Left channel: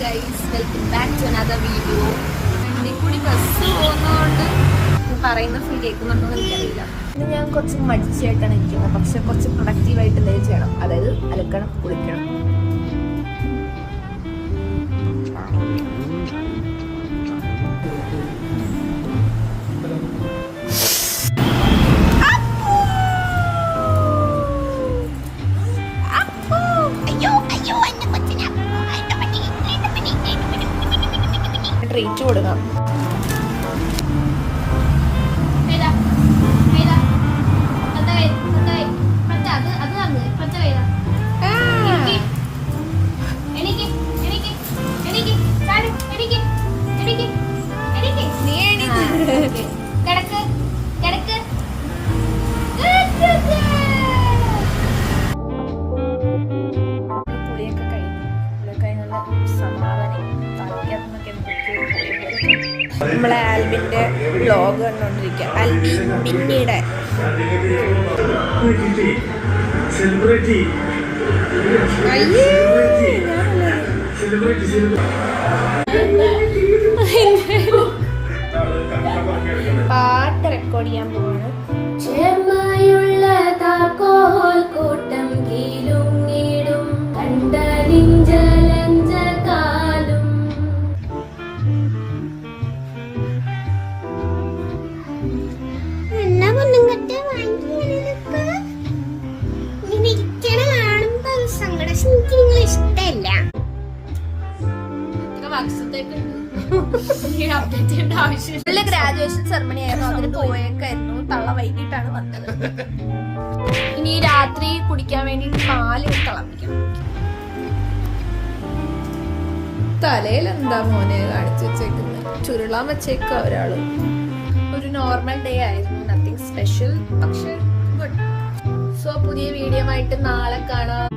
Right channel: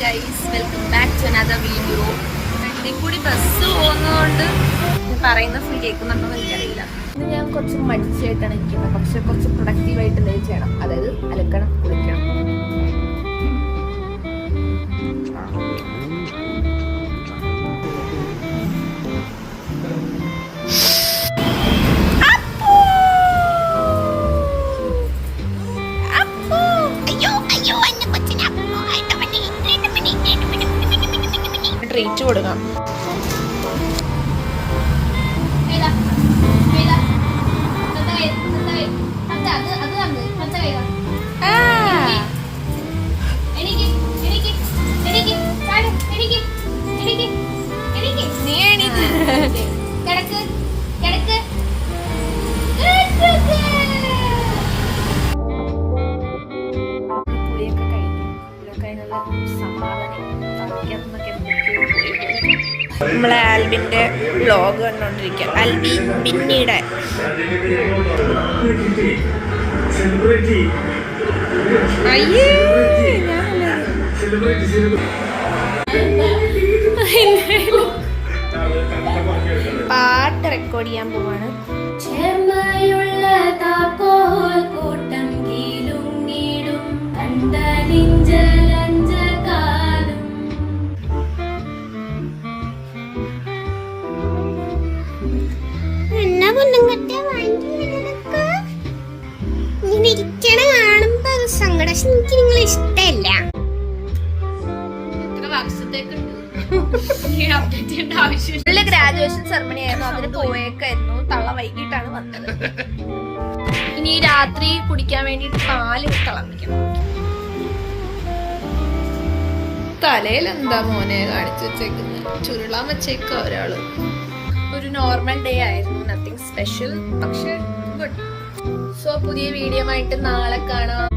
Guys, welcome back to another video. ഇതിൽ കൂടി bus പോകുന്നതുകൊണ്ട് പറയുന്ന ഫീൽ കേൾക്കുന്നുണ്ടോ എന്ന് എനിക്കറിയില്ല. ഇന്ന് ഞാൻ കുറച്ച് മടിച്ചായിട്ടാണ് ഇരിക്കുന്നത്, പക്ഷെ കുറച്ച് പ്രൊഡക്റ്റീവായിട്ട് എന്തെങ്കിലും ചെയ്യണം. അതായത് അലക്കണം, കുളിക്കണം. ട്രീറ്റ് കൊടുക്കാം. കുളിയൊക്കെ കഴിഞ്ഞു, സമാധാനം. നമ്മളെ ആൽബിന്റെ വ്ലോഗ് കണ്ടോണ്ടിരിക്കുക. ആൽബിൻ പിന്നീട് പാട്ട് റെക്കോർഡ് ചെയ്യാൻ പോവാണ്. ചേർമയുള്ള താക്കോൽ കൂട്ടം കീലും നീടും കണ്ടലിഞ്ചലഞ്ച കാലും എന്നാ പൊന്നും കെട്ടിയ ഇങ്ങനെ ഇരിക്കണ കാണുമ്പോ സങ്കടം. എനിക്ക് നിങ്ങളെ ഇഷ്ടല്ല. ഗ്രാജുവേഷൻ സെറമണി ആയിരുന്നു, അതിന് പോയേക്കായിരുന്നു. തള്ള വൈകിട്ടാണ് വന്നത്. ഇനി രാത്രി കുടിക്കാൻ വേണ്ടിട്ട് പാല് തിളപ്പിക്കണം. തലയിൽ എന്താ മോനെ കാണിച്ചു വെച്ചേക്കുന്നത്? ചുരുളാൻ വെച്ചേക്ക ഒരാള്. ഒരു നോർമൽ ഡേ ആയിരുന്നു, നത്തിങ് സ്പെഷ്യൽ, പക്ഷെ ഗുഡ്. സോ പുതിയ വീഡിയോ ആയിട്ട് നാളെ കാണാം.